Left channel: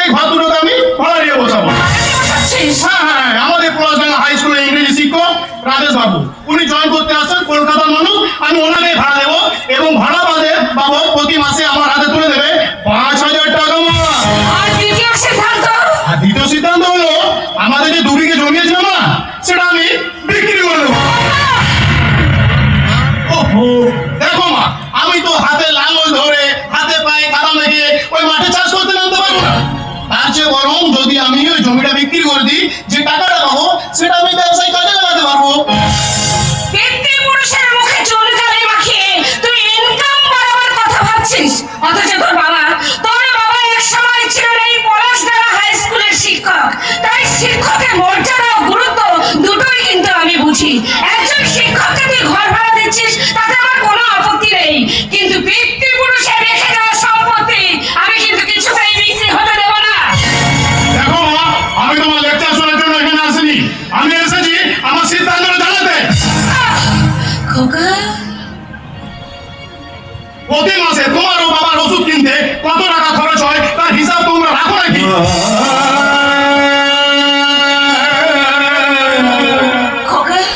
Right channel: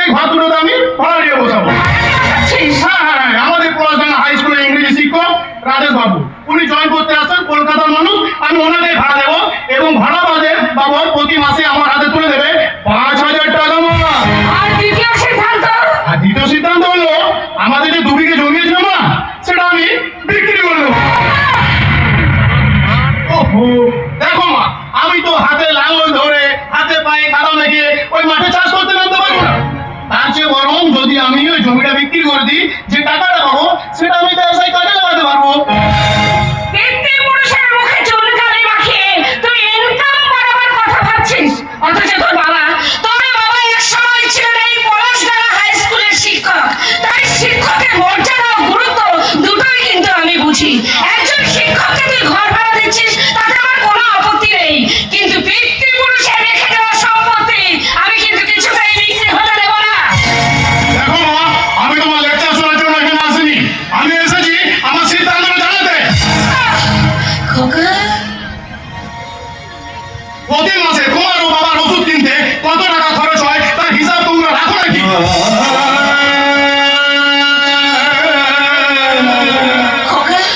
সেই ঘর দুটোতে আমি ভাড়া দিয়ে বসাবো। হ্যাঁ হ্যাঁ, আমাদের পলাশডাঙ্গা হাই স্কুলের ইংরেজি শিক্ষক রাজেশ বাবু, উনি জয়েন করতে আসছেন, কলকাতার মানুষ। আমি ওনাকে ভাড়া দেবো এবং ভাড়া বাবদ প্রতি মাসে আমার হাতে তুলে দেবে 5,000 টাকা মামা। আর দ্বিতীয় সিদ্ধান্ত হলো আমাদের যে 2 বিঘে জমি আছে না, সেটা আমি বিক্রি করে দেবো। ওহো, দেখো মা, আমি তো হাতে লাঙ্গল ধরে হাতে পায়ে কাদা মেখে ওই মাঠে চাষ করতে নামতে পারবো না। তার চেয়ে বরং যদি আমি ওই জমিটা বিক্রি করে দিই, যে টাকাটা পাবো সেটা আমি ব্যবসায় কাজে লাগাতে পারবো। অথচ তোর বাবা এক সময় ছিলেন এই পলাশডাঙ্গা হাই স্কুলের শিক্ষক। তাই শিক্ষকের মর্যাদা ও গুরুত্ব দুটোই কিন্তু আমি বুঝি। একজন শিক্ষককে তুই ঘর ভাড়া দিচ্ছিস, তাতে আমার কোনো আপত্তি নেই, কিন্তু পিতৃপুরুষের রেখে যাওয়া সম্পত্তি আমি কিন্তু কিছুতেই বিক্রি হতে দেব না। দেখো মা, আমি তোমার লেকচার শোনার জন্য এখানে আসিনি, আমি এসেছি আমার সিদ্ধান্তটা জানাতে। খোকা, প্রতি মাসে তোমার ও বাবার ওষুধ কিনতে কত টাকা খরচ হয় তার হিসাব তোমরা রাখো নাকি?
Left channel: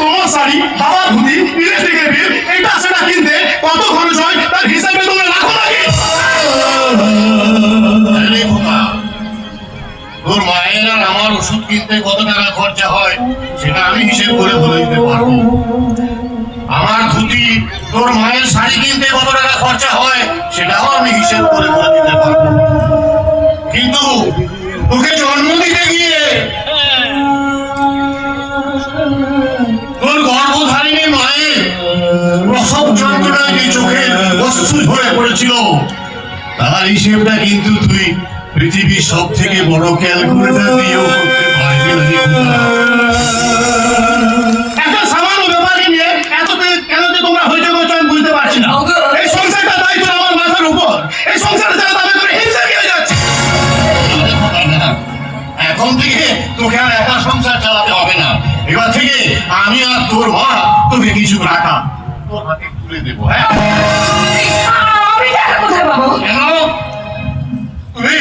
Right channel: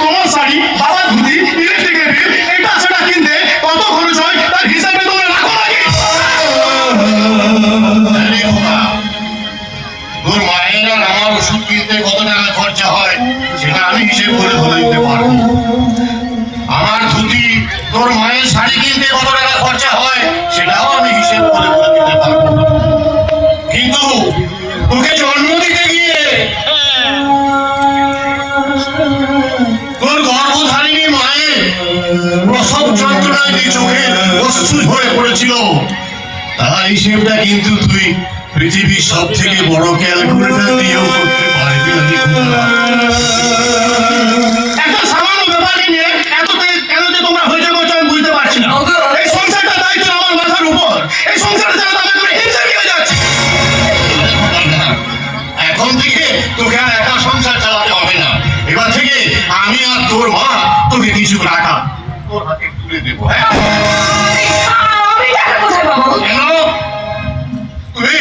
তোমার শাড়ি, বাবার ধুতি, ইলেকট্রিকের বিল, এটা সেটা কিনতে কত খরচ হয় তার হিসাবে তোমরা রাখো নাকি? তোর মায়ের আর আমার ওষুধ কিনতে কত টাকা খরচা হয় সেটা আমি হিসেব করে বলে দিতে পারবো। আমার ধুতি, তোর মায়ের শাড়ি কিনতে কত টাকা খরচা হয় সেটাও আমি হিসেব করে বলে দিতে পারবো। কিন্তু তোকে জন্ম দিতে গিয়ে তোর গর্ভধারিণী মায়ের প্রসব যন্ত্রণায় যে চোখের অশ্রু ঝরে পড়েছিল, তার হিসেবটা কিন্তু তুই পৃথিবীর সব থেকে বড় ক্যালকুলেটর দিয়েও করতে পারবি না। একটা সামান্য ব্যাপারকে নিয়ে এত কেন যে তোমরা হয়েছে করছো আমি বুঝতে পারছি না। এই সংসারটা দায়িত্ব আমার মাথার উপর, এই সংসারটা যেন আমি করে হিংসা নিয়ে যাচ্ছি। এখন থেকে তোকে আর একা সংসার চালাতে হবে না। এবার থেকে আমি আর তোর মা তোকে কিছু টাকা তোর হাতে তুলে দেবো। হ্যাঁ, আমি টাকা কোথায় পাবো? কেন? তুমি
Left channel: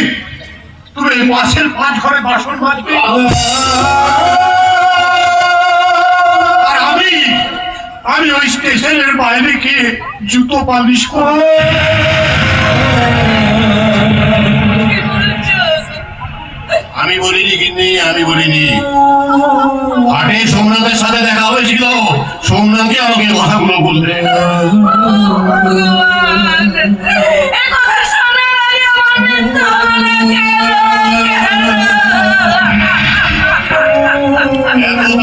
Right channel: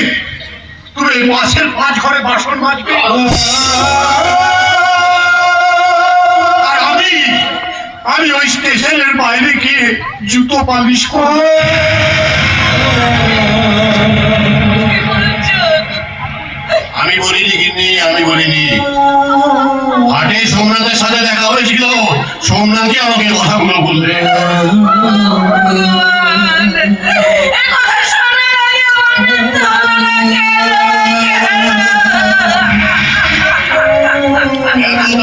তুমি পাশের 5 ঘরে বাসন মাজবে আর আমি ওই স্টেশনের বাইরে গিয়ে জুতো পালিশ করবো। আমি বলিনি কিন্তু আমি বলিনি। হাটে সোমনাথের সাথে দেখা হয়েছিল, সোমনাথকে আমাকে কথাগুলো বললে। এত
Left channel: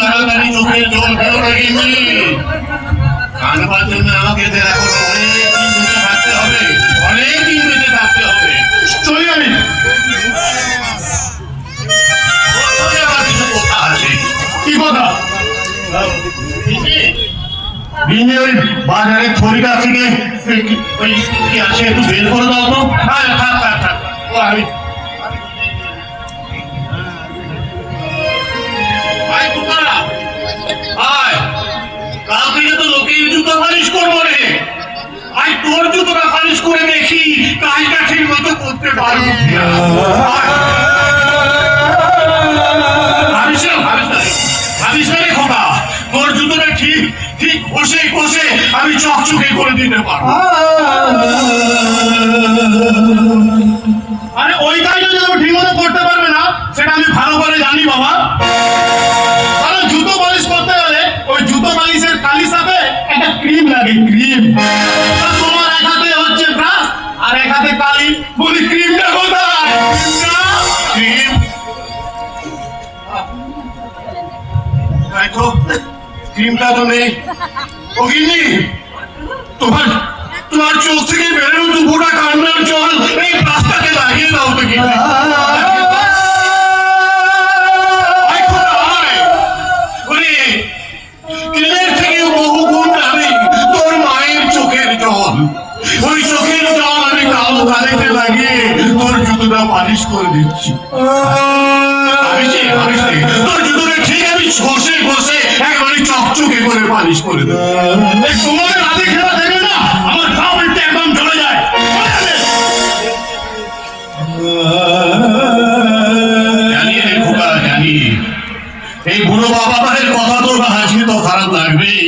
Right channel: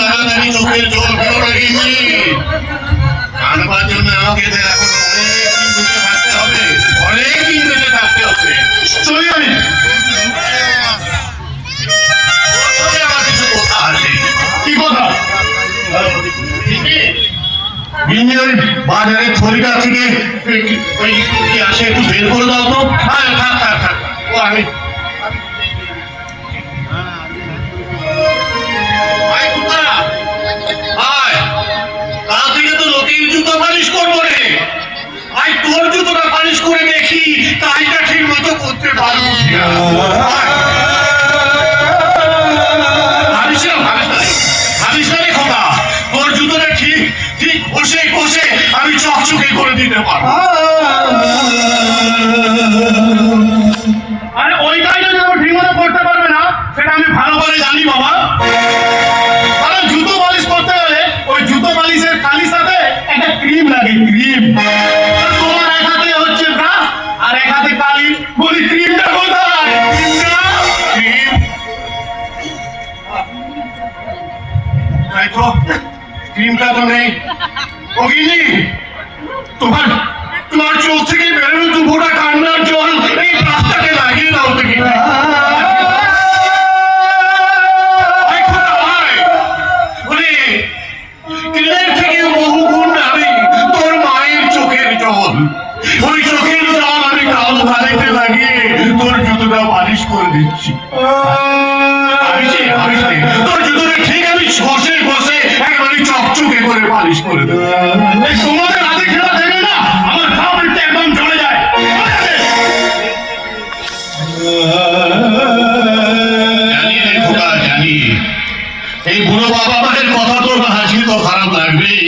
তাড়াতাড়ি চোখের জল ফেলো না কিন্তু। জানবার জন্য আমাকে এখন অনেক দিন বেঁচে থাকতে হবে। চলে যাবে। কি কথা? ওই বাজারে থলিটা থেকে ওই কি আসে একটু বের করে দাও তো। থাক থাক থাক, ও আমি কাল থেকে তো লোকের জুতো পালিশ করবো রে। আজ তোর জুতোটা পালিশ করে দেখি কাজটা ঠিক মতো করতে পারবো। তোর জুতোটা ঠিক ঠিক ঘষে ঘষে আমি চকচকে করে দিতে পারবো। আরে ওই কাজটা যদি ঠিক মতো করতে পারবে না সেটা আমি ভালো করে জানি বাবা। কারণ জুতো পালিশ করতে গেলে ওই জুতো পালিশের কালির সাথে একটা ক্রিম লাগে, ক্রিম। তোমার এক হাতে হচ্ছে ব্রাশ আর এক হাতে কালি, বলি ক্রিমটা কোথায়? ক্রিম তাই তো, ক্রিমটা তো নেই। ও গিন্নি, তোমার তোমার চোখ থেকে বেরোনো দুপুরা কান্নার জল এই রাস্তাকে লাগিয়ে দাও তো গিন্নি। বহু গুণ দামি তোর মায়ের চোখের জল। ওই চোখের জল আমি কাল বাড়িতে লাগিয়ে তোর জুতোটা পালিশ করে দিচ্ছি। তোর জুতোটা ঠিক আমি ঘষে ঘষে একেবারে চকচকে করে পালিশ করে দেবো। তোমাদের হাতে খেলা দেখলে না আমার পাউলটা একদম চলে যায়। বাবার কথা তো আজকে তো খারাপ লাগবেই।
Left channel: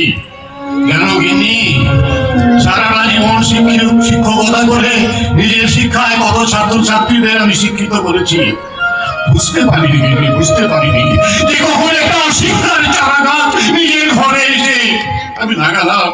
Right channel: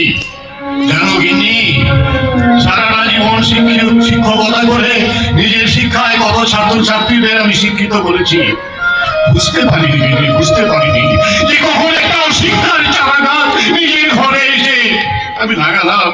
কেন গিন্নি, সারাটা জীবন শিক্ষকতা করে নিজের শিক্ষায় কত ছাত্রছাত্রীদের আমি শিক্ষিত করেছি। বুঝতে পারিনি গিন্নি, বুঝতে পারিনি যে কখন একটা শিক্ষার চারা গাছ নিজের ঘরে এসে আমি লাগালাম।